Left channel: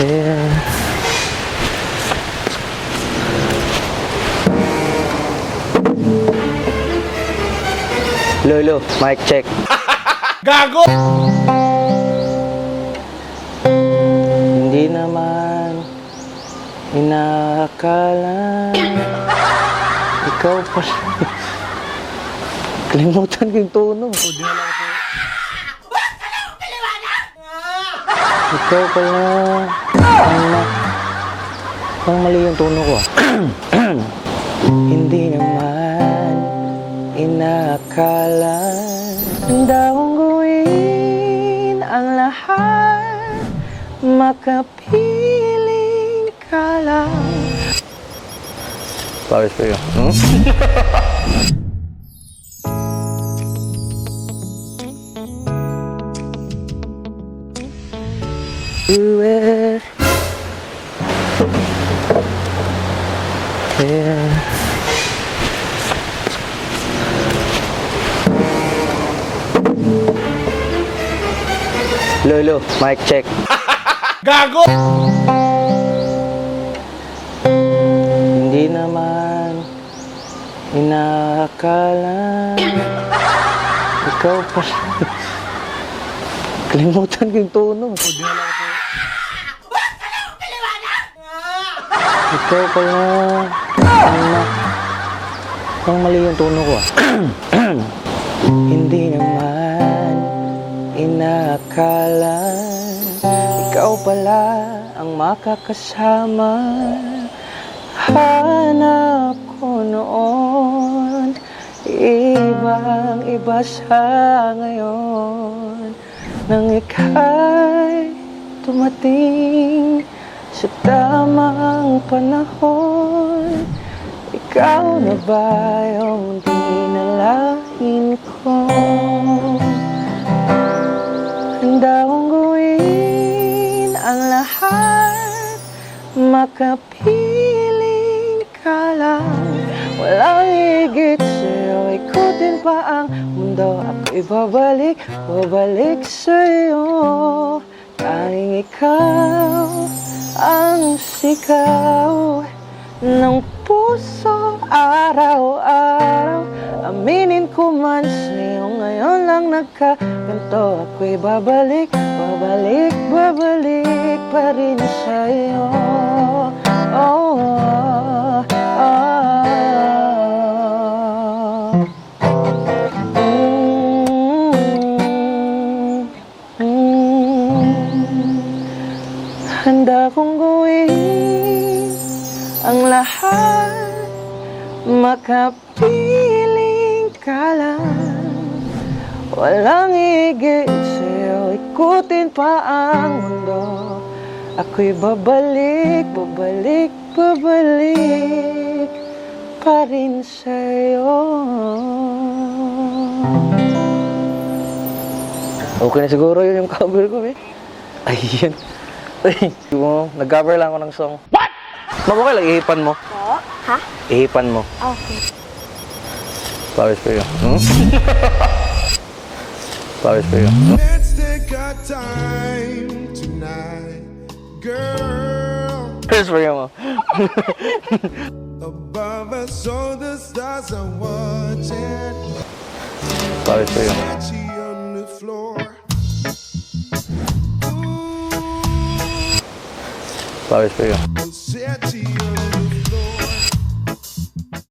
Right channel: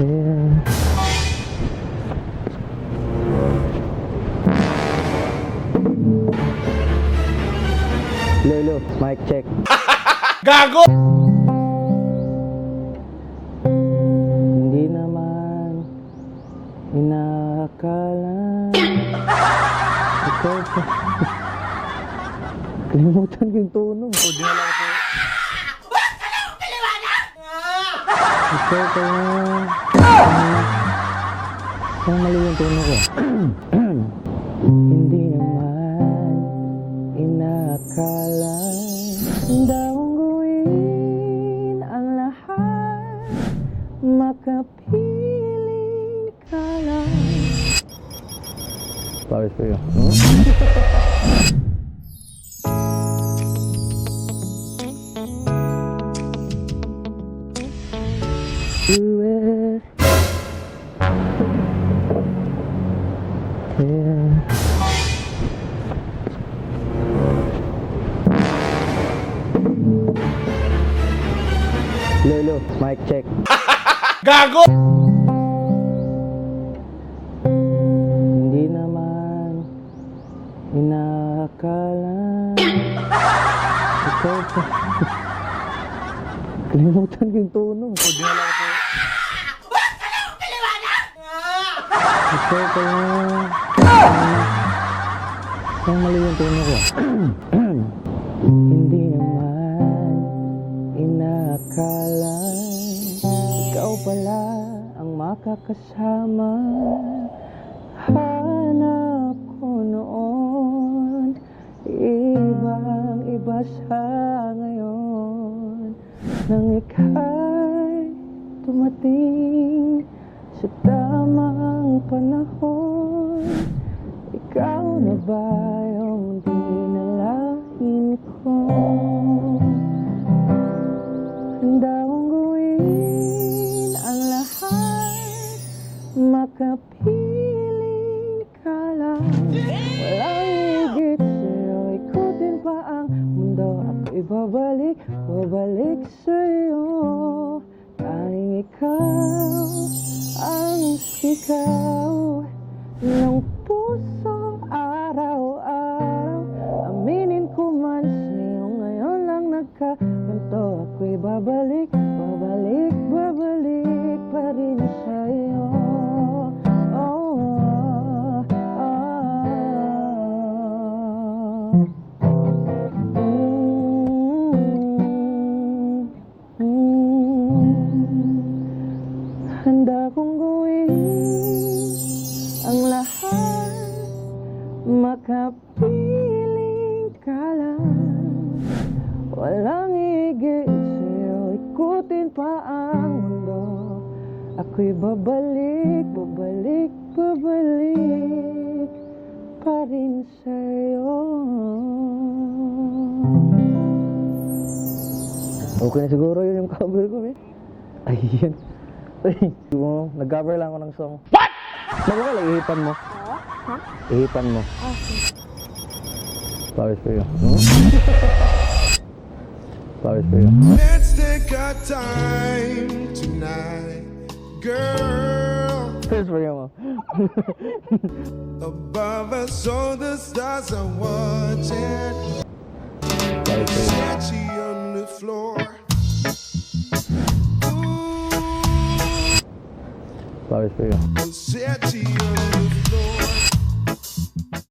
Yeah. Lolo, mic check. Gago! Hindi naman inaakala ikaw pa. Kalimutan ko yung tono. Ikaw pala. Ang mali yung tono ko. Hindi naman inaakala daw ang gawin ang lahat, makapiling ka lang. Pawis pa yun. Do it. Yeah. Lolo, mic check. Gago! Hindi naman inaakala ikaw pa. Kalimutan ko yung tono. Ikaw pala. Ang mali yung tono ko. Hindi naman inaakala ikaw pala ang makakasama. Hanap ko noon, ibang iba sa ngayon. Nang ika'y tumating sa tamang panahon, ikaw na ba yung dinalain ko? Handa kong gawin ang lahat, makapiling ka lang. Walang higit sa'yo, ikutin pa ang mundo. Ako'y babalik sa'yo. Tanging ikaw ang sigaw ng puso araw-araw. Aminin ko man sa'yo, ngayon lang nagkaganto. Ako'y babalik pa rin sa'yo. Oh, oh, oh. Handa kong gawin ang lahat, makapiling ka lang. Walang higit sa'yo, ikutin pa ang mundo. Ako'y babalik pa rin sa'yo. Okay na siguro yun yung cover ko, eh. Ayun. Ay, nag-cover lang ako ng song. What? Okay lang, ihipan mo. Oo? Ha? Ihipan mo. Okay. Pawis pa yun. Pawis pa yun. Let's take our time tonight, girl. Pawis pa yun mo. Above us, all the stars are watching. Pawis pa yun. Sketchy on the floor. Pawis pa yun. Sketchy on